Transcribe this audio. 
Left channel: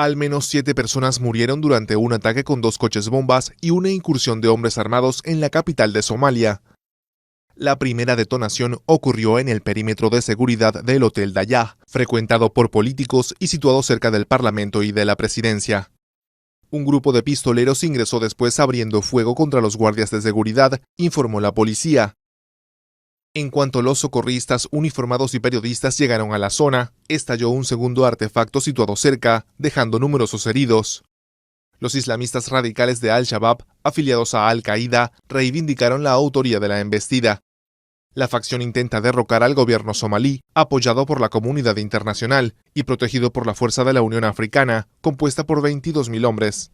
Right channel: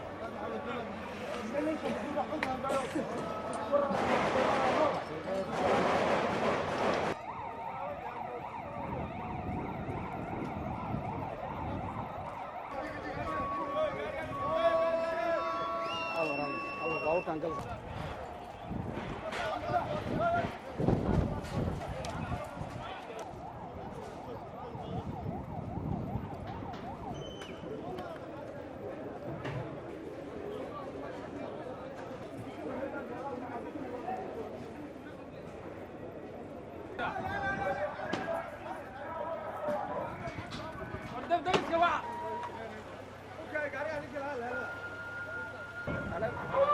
Al menos 7 personas murieron durante un ataque con 2 coches bombas y una incursión de hombres armados en la capital de Somalia. La primera detonación ocurrió en el perímetro de seguridad del Hotel Daya, frecuentado por políticos y situado cerca del Parlamento y de la Presidencia. Un grupo de pistoleros ingresó después abriendo fuego contra los guardias de seguridad, informó la policía. En cuanto los socorristas uniformados y periodistas llegaron a la zona, estalló un segundo artefacto situado cerca, dejando numerosos heridos. Los islamistas radicales de Al-Shabaab, afiliados a Al-Qaeda, reivindicaron la autoría de la embestida. La facción intenta derrocar al gobierno somalí, apoyado por la comunidad internacional y protegido por la Fuerza de la Unión Africana, compuesta por 22.000 hombres.